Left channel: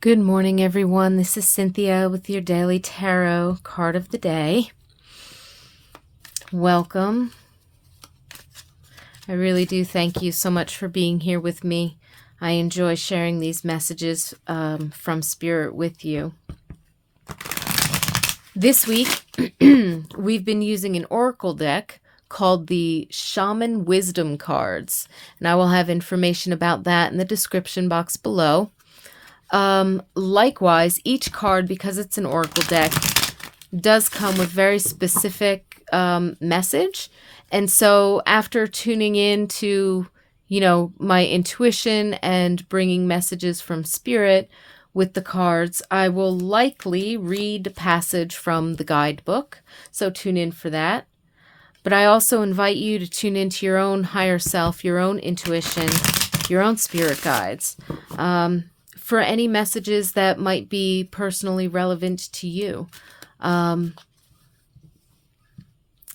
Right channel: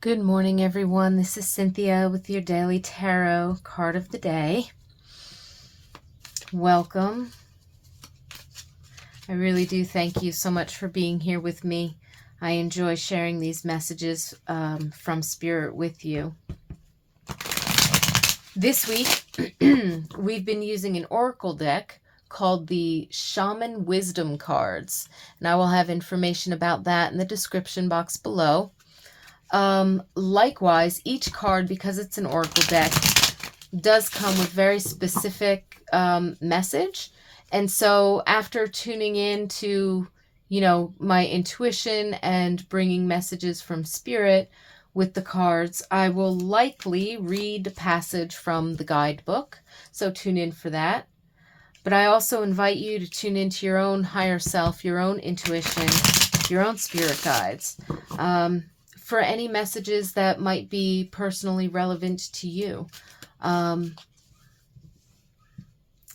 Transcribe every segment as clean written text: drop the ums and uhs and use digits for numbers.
Good morning, everyone. This is Cynthia with your daily tarot card of the day. Welcome. I really do thank you so much for being here with me. I enjoy sharing these messages from Spirit with you. This week, we've been using an oracle deck called the Shaman Wisdom Cards, and I will have information about that in the description box below. Likewise, each card, because it's an oracle deck, does come with very specific message. And so after tuning in to, my intuition and bringing messages from Spirit with the cards, I will likely read a passage from the guidebook. So tune in for that. But I also invite you to tune into your own higher self, your own intuition, your own spirit guides. For any messages that might be personally relevant to you. And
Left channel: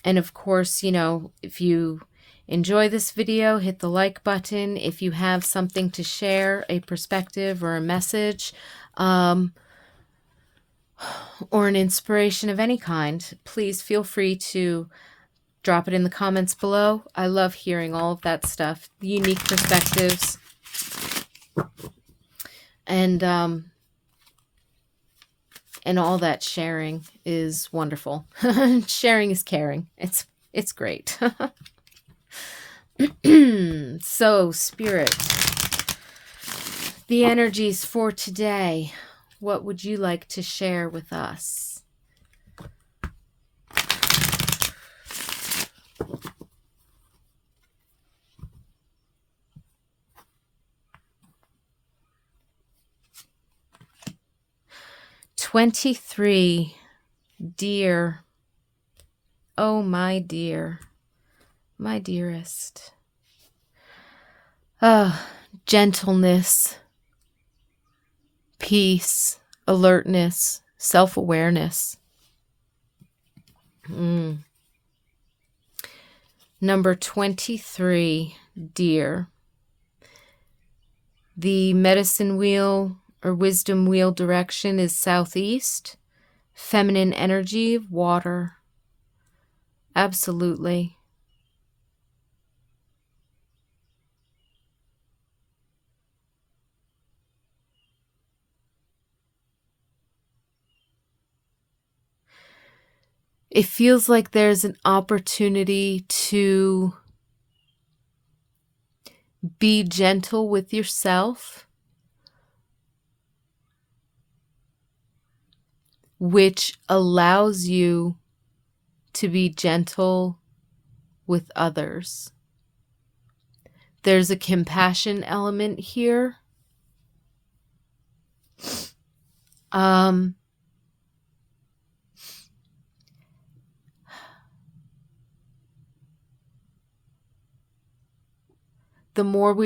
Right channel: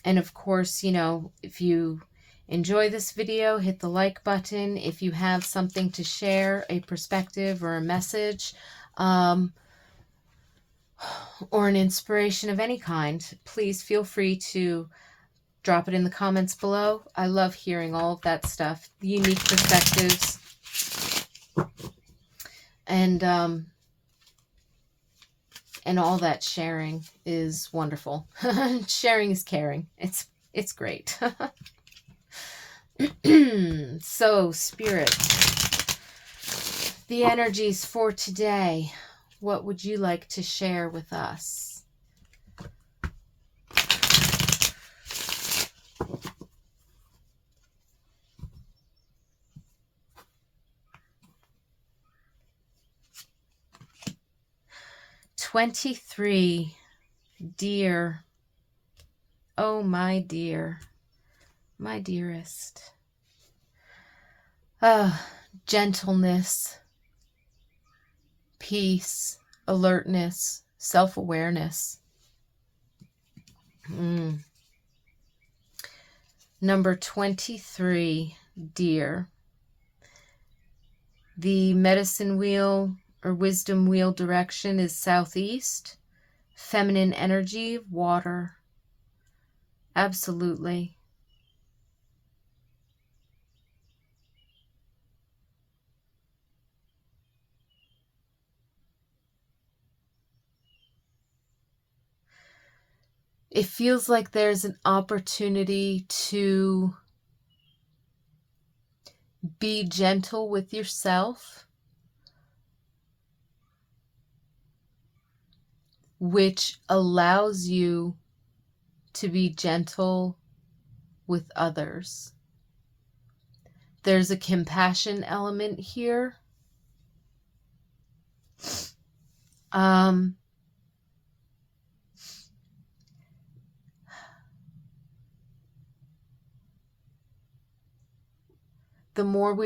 of course, if you enjoy this video, hit the like button. If you have something to share, a perspective or a message, or an inspiration of any kind, please feel free to drop it in the comments below. I love hearing all of that stuff, the unique perspectives. And all that sharing is wonderful. Sharing is caring. It's great. So, Spirit, the energies for today, what would you like to share with us? "23, dear, oh my dear, my dearest. Gentleness, peace, alertness, self-awareness. Number 23, dear. The medicine wheel or wisdom wheel direction is southeast. Feminine energy, water. Absolutely. It feels like there's an opportunity to be gentle with yourself, which allows you to be gentle with others. There's a compassion element here. The more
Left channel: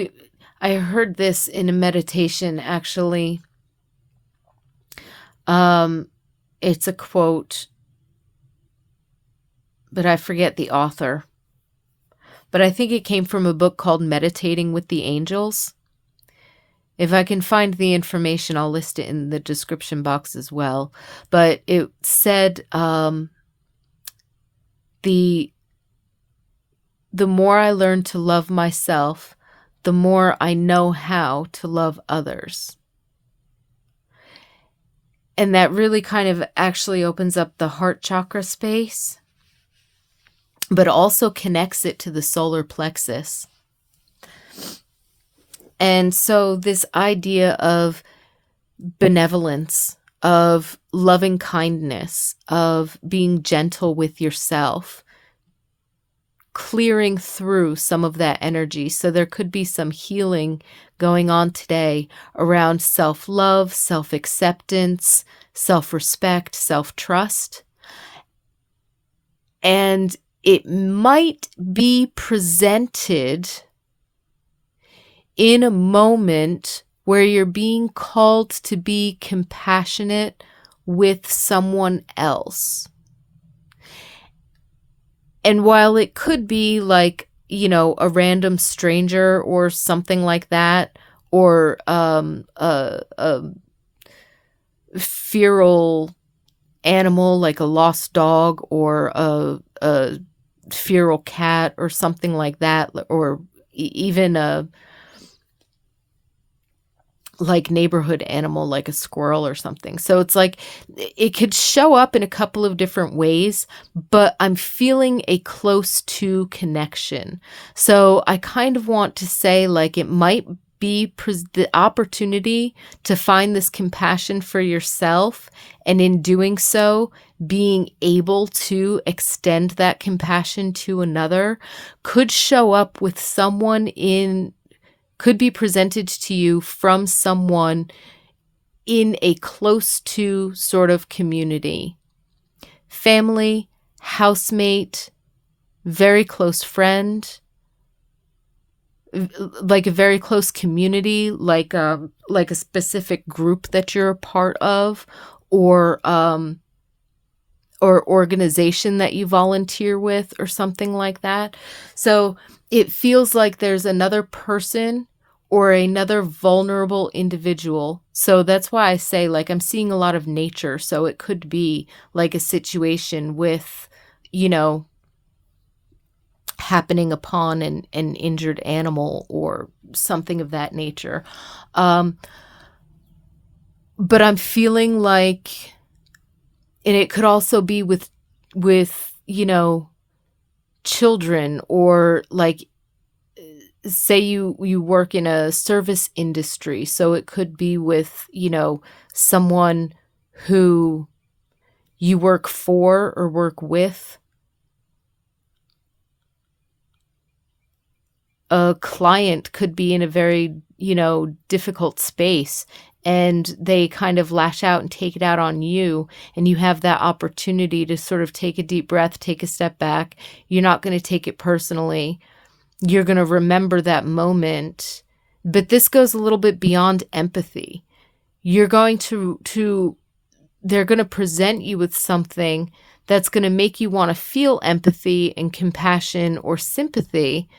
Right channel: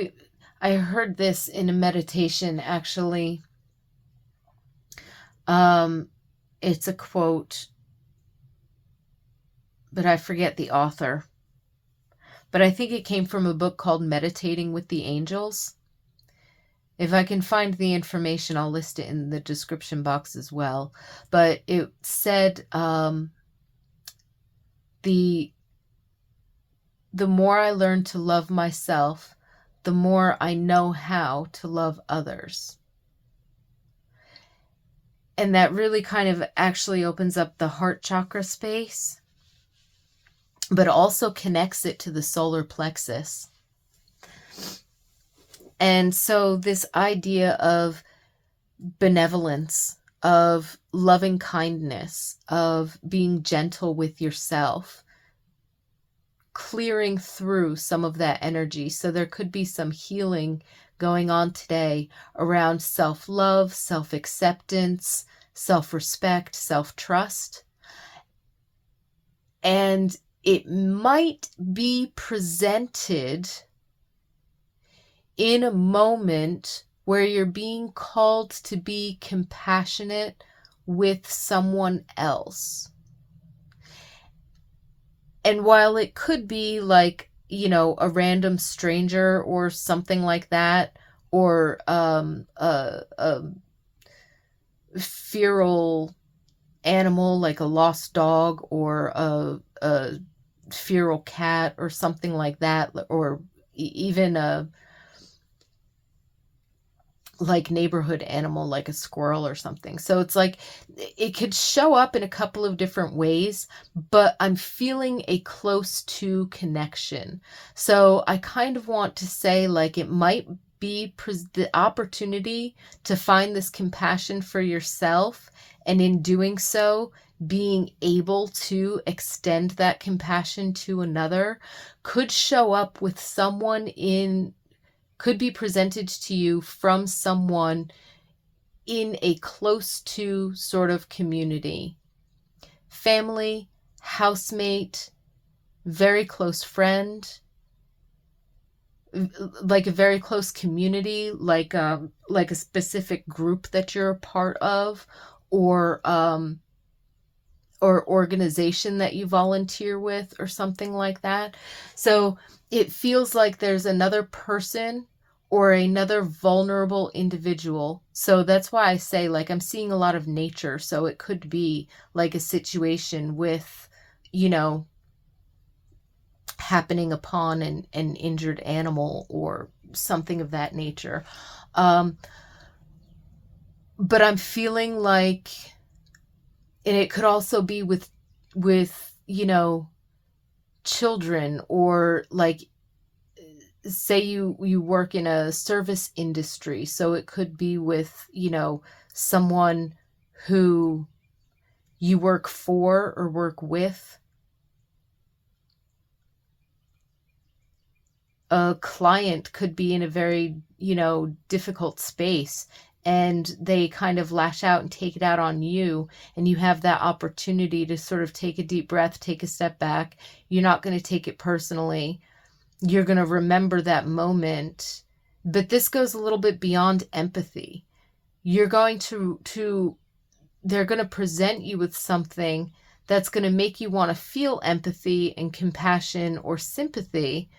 I heard this in a meditation, actually. It's a quote, but I forget the author. But I think it came from a book called Meditating with the Angels. If I can find the information, I'll list it in the description box as well. But it said, the more I learn to love myself, the more I know how to love others. And that really kind of actually opens up the heart chakra space, but also connects it to the solar plexus. And so this idea of benevolence, of loving kindness, of being gentle with yourself, clearing through some of that energy. So there could be some healing going on today around self-love, self-acceptance, self-respect, self-trust. And it might be presented in a moment where you're being called to be compassionate with someone else. And while it could be like, a random stranger or something like that, or feral animal like a lost dog or a feral cat or something like that, or even a like neighborhood animal like a squirrel or something. So it's like it could show up in a couple of different ways, but I'm feeling a close to connection. So I kind of want to say like it might be the opportunity to find this compassion for yourself, and in doing so being able to extend that compassion to another could show up with someone in could be presented to you from someone in a close to sort of community. Family, housemate, very close friend, like a very close community, like a specific group that you're a part of, or organization that you volunteer with or something like that. So it feels like there's another person or another vulnerable individual. So that's why I say like I'm seeing a lot of nature. So it could be like a situation with, you know, happening upon an injured animal or something of that nature. Um, but I'm feeling like, and it could also be with you know, children, or like say you work in a service industry, so it could be with, you know, someone who you work for or work with. A client could be in a very, you know, difficult space, and they kind of lash out and take it out on you, and you have that opportunity to sort of take a deep breath, take a step back. You're not going to take it personally. You're going to remember that moment. But this goes a little bit beyond empathy. You're going to they're going to present you with something that's going to make you want to feel empathy and compassion or sympathy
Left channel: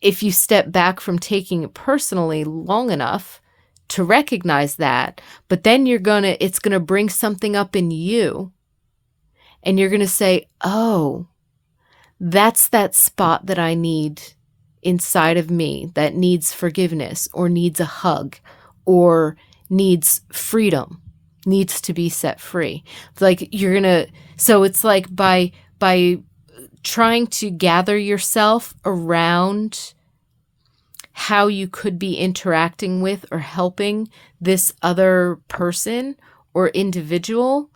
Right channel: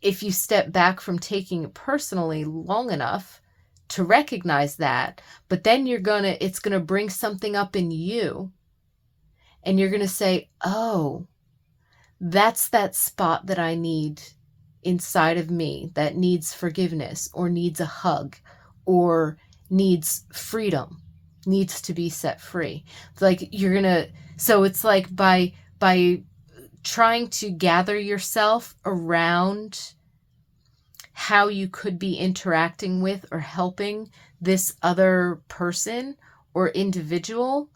if you step back from taking it personally long enough to recognize that. But then it's going to bring something up in you, and you're going to say, oh, that's that spot that I need inside of me that needs forgiveness or needs a hug or needs freedom, needs to be set free. Like so it's like by trying to gather yourself around how you could be interacting with or helping this other person or individual,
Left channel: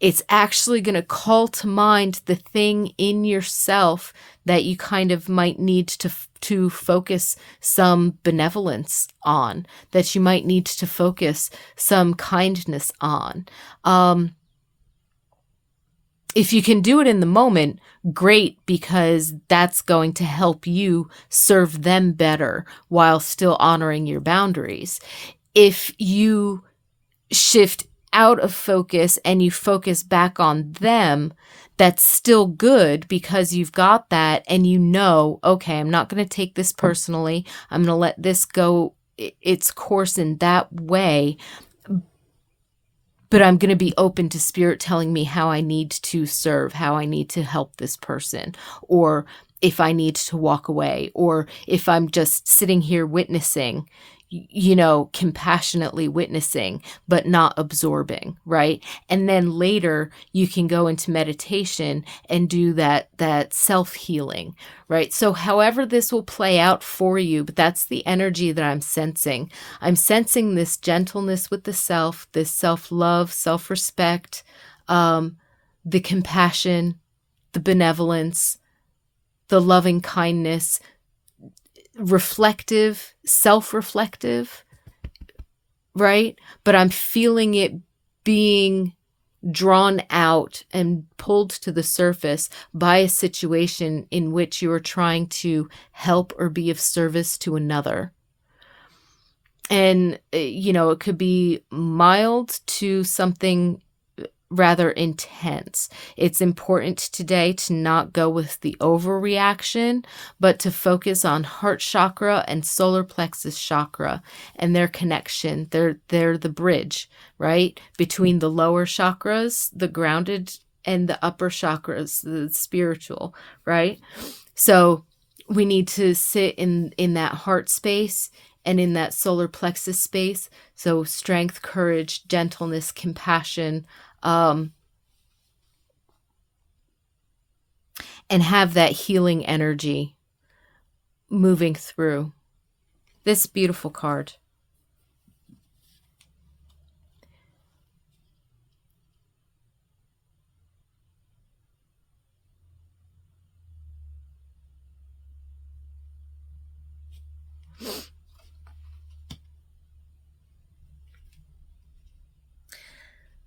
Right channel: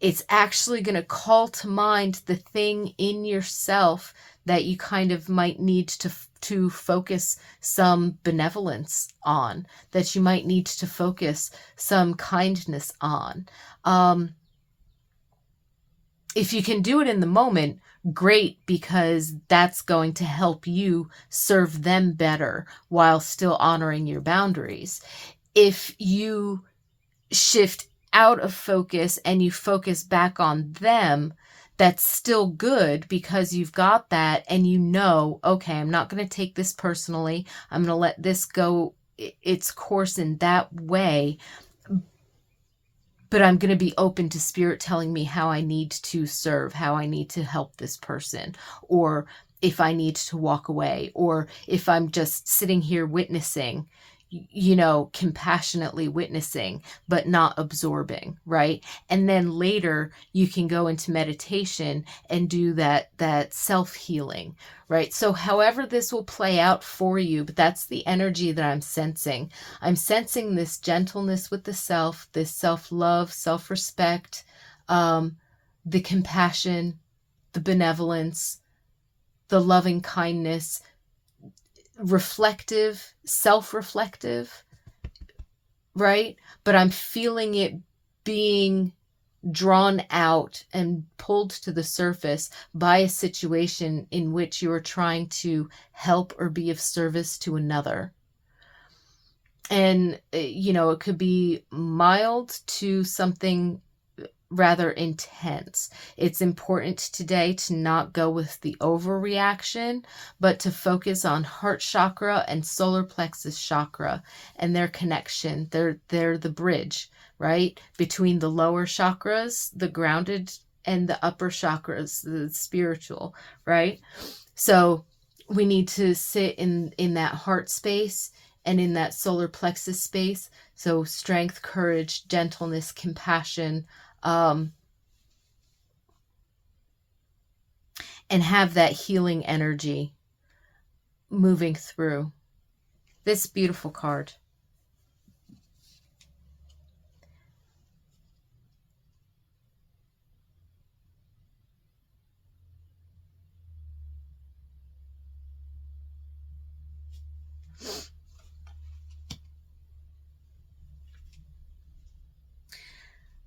it's actually going to call to mind the thing in yourself that you kind of might need to focus some benevolence on, that you might need to focus some kindness on. If you can do it in the moment, great, because that's going to help you serve them better while still honoring your boundaries. If you shift out of focus and you focus back on them, that's still good, because you've got that and you know, okay, I'm not going to take this personally. I'm going to let this go its course in that way, but I'm going to be open to spirit telling me how I need to serve, how I need to help this person, or if I need to walk away, or if I'm just sitting here witnessing, you know, compassionately witnessing, but not absorbing, right? And then later you can go into meditation and do that self-healing, right? So however this will play out for you, but that's the energy that I'm sensing. I'm sensing this gentleness with the self, this self-love, self-respect, the compassion, the benevolence, the loving kindness, reflective, self-reflective, right? But I'm feeling it being drawn out and pulled to the surface by a situation in which you are trying to help or be of service to another. And, you know, it could be mild to something rather intense. It's important today to not go with the overreaction, but to focus on heart chakra and solar plexus chakra and their connection. They're the bridge, right? Between the lower chakras, the grounded, and the upper chakras, the spiritual, right? So we need to sit in that heart space and in that solar plexus space. So strength, courage, gentleness, compassion, and have that healing energy moving through. This beautiful card.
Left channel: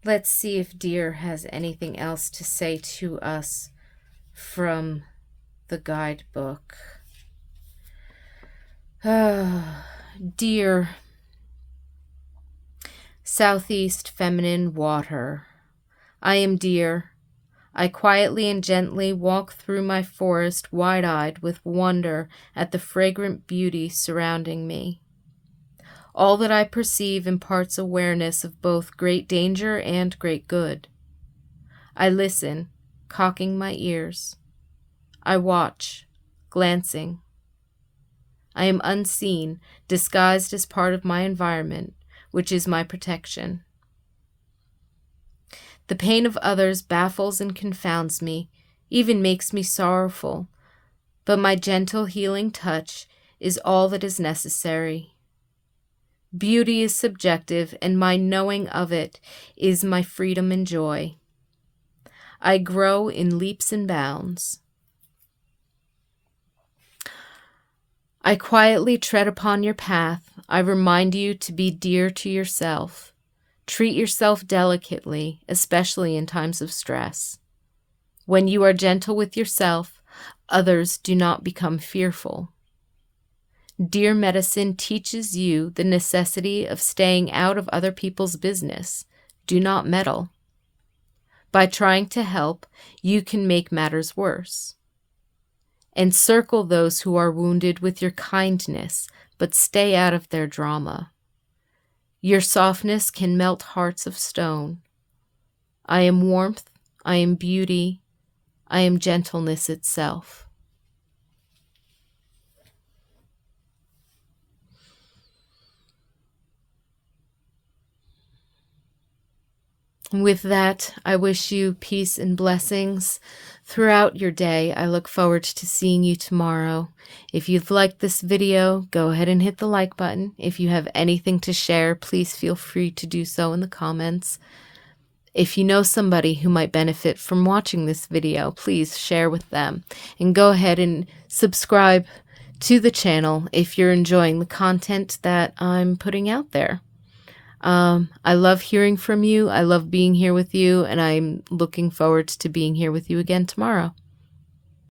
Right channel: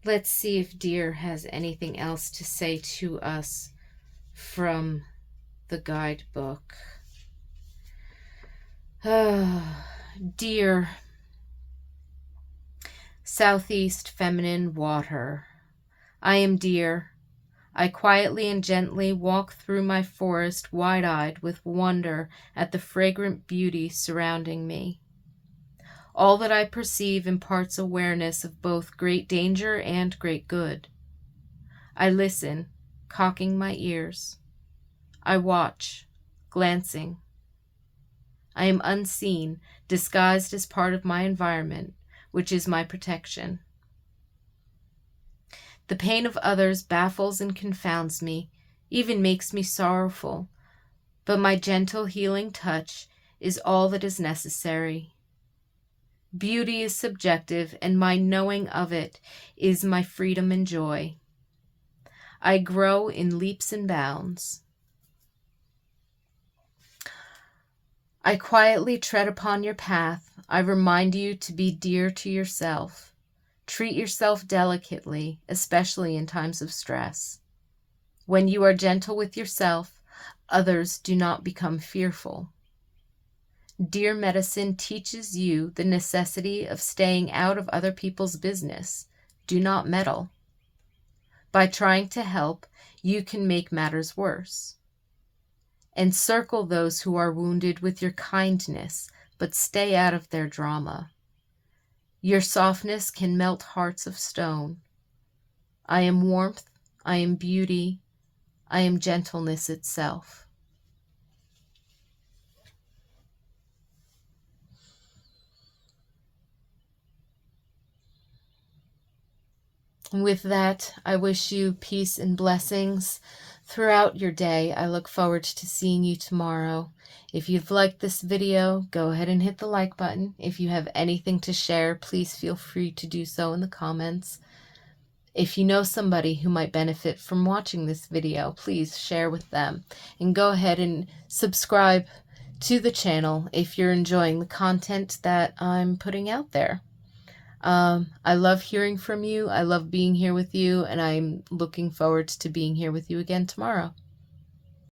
Let's see if Deer has anything else to say to us from the guidebook. Deer, Southeast feminine water. I am Deer. I quietly and gently walk through my forest, wide-eyed with wonder at the fragrant beauty surrounding me. All that I perceive imparts awareness of both great danger and great good. I listen, cocking my ears. I watch, glancing. I am unseen, disguised as part of my environment, which is my protection. The pain of others baffles and confounds me, even makes me sorrowful, but my gentle healing touch is all that is necessary. Beauty is subjective, and my knowing of it is my freedom and joy. I grow in leaps and bounds. I quietly tread upon your path. I remind you to be dear to yourself. Treat yourself delicately, especially in times of stress. When you are gentle with yourself, others do not become fearful. Dear Medicine teaches you the necessity of staying out of other people's business. Do not meddle. By trying to help, you can make matters worse. Encircle those who are wounded with your kindness, but stay out of their drama. Your softness can melt hearts of stone. I am warmth, I am beauty, I am gentleness itself. With that, I wish you peace and blessings throughout your day. I look forward to seeing you tomorrow. If you've liked this video, go ahead and hit the like button. If you have anything to share, please feel free to do so in the comments. If you know somebody who might benefit from watching this video, please share with them. And go ahead and subscribe to the channel if you're enjoying the content that I'm putting out there. I love hearing from you. I love being here with you, and I'm looking forward to being here with you again tomorrow.